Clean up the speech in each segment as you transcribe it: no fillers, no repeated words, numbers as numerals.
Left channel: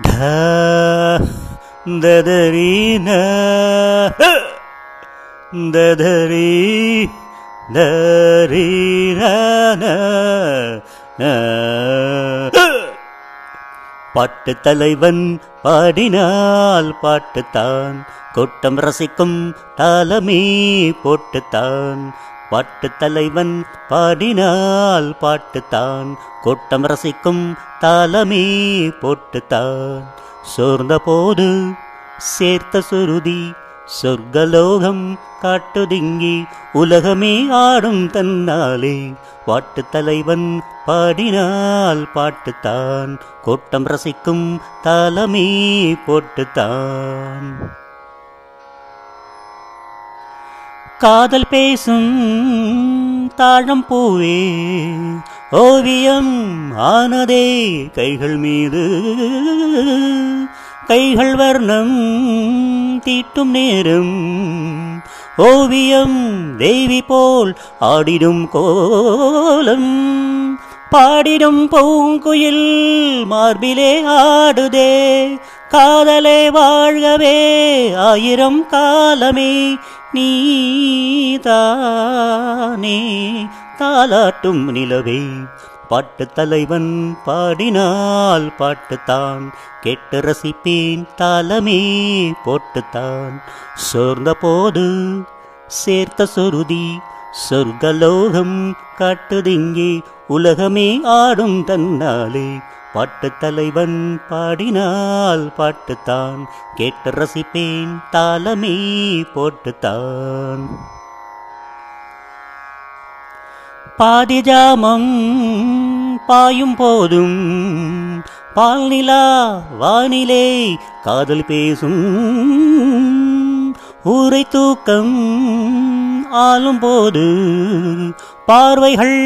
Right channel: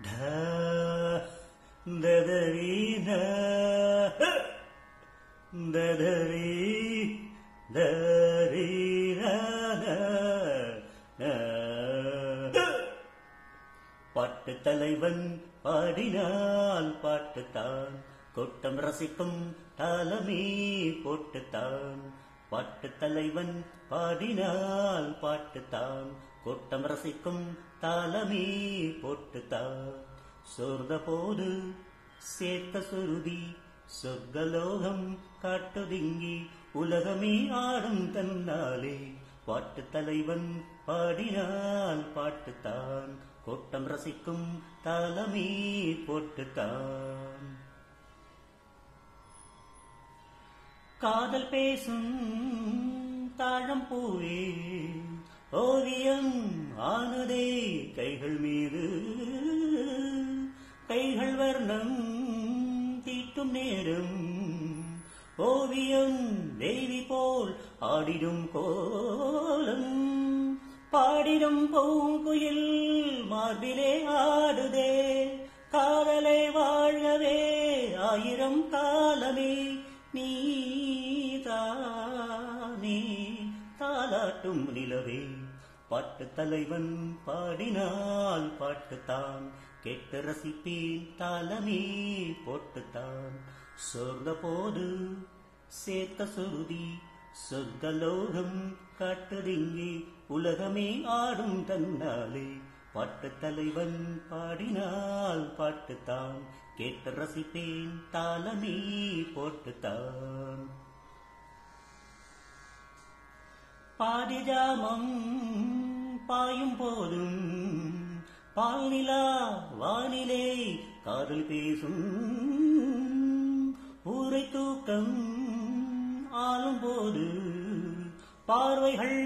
धा ददरी न ददरी दरी न பாட்டு தலைவன் பாடினால் பாட்டுத்தான் கூட்டம் ரசிக்கும் தாளமே போட்டுத்தான். பாட்டு தலைவன் பாடினால் பாட்டுத்தான் கூட்டம் ரசிக்கும் தாளமே போட்டுத்தான். சோர்ந்த போது சேர்த்த சுருதி சொர்க்கலோகம் காட்டுதிங்கி உலகமே ஆடும் தன்னாலே. பாட்டு தலைவன் பாடினால் பாட்டுத்தான் கூட்டம் ரசிக்கும் தாளமே போட்டுத்தான். காதல் பேசும் தாழம் பூவே ஓவியம் ஆனதே கைகள் மீது. கைகள் வர்ணம் தீட்டும் நேரம் ஓவியம் தேவி போல் ஆடிடும் கோலம். பாடிடும் பூங்குயில் மார்பிலே ஆடுதே காதலே வாழ்கவே ஆயிரம் காலமே. நீதானே தாலாட்டும் நிலவே. பாட்டு தலைவன் பாடினால் பாட்டுத்தான் கேட்டு ரசிப்பேன் தாளமே போட்டுத்தான். சோர்ந்த போது சேர்த்த சுருதி சொர்க்கலோகம் காட்டுதிங்கே உலகமே ஆடும் தன்னாலே. பாட்டு தலைவன் பாடினால் பாட்டுத்தான் கேட்டு ரசிப்பேன் தாளமே போட்டுத்தான். பாதிஜாமம் பாயும் போதும் பால் நிலா வானிலே காதல் பேசும். ஊரை தூக்கம் ஆளும் போது பார்வைகள்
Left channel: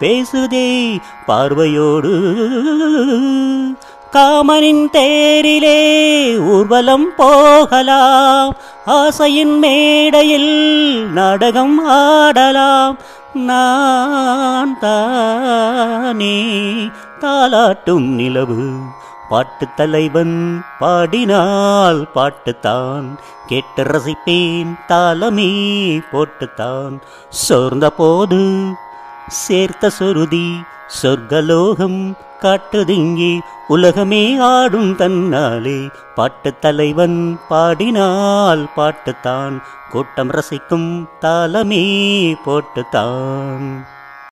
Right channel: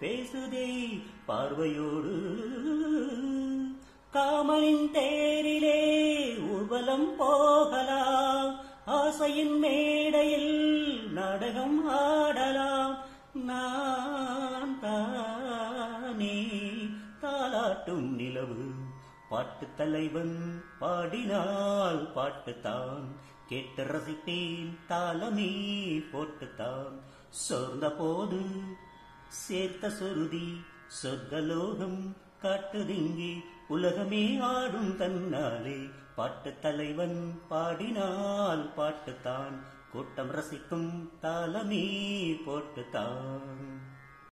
பேசுதே பார்வையோடு. காமனின் தேரிலே ஊர்வலம் போகலாம் ஆசையின் மேடையில் நாடகம் ஆடலாம். நான் தானே தாலாட்டும் நிலவு. பாட்டு தலைவன் பாடினால் பாட்டுத்தான் கேட்டு ரசிப்பேன் தாளமே போட்டுத்தான். சோர்ந்த போது சேர்த்த சுருதி சொர்க்கலோகம் காட்டுதிங்கி உலகமே ஆடும் தன்னாலே. பாட்டு தலைவன் பாடினால் பாட்டுத்தான் கூட்டம் ரசிக்கும் தாளமே போட்டுத்தான்.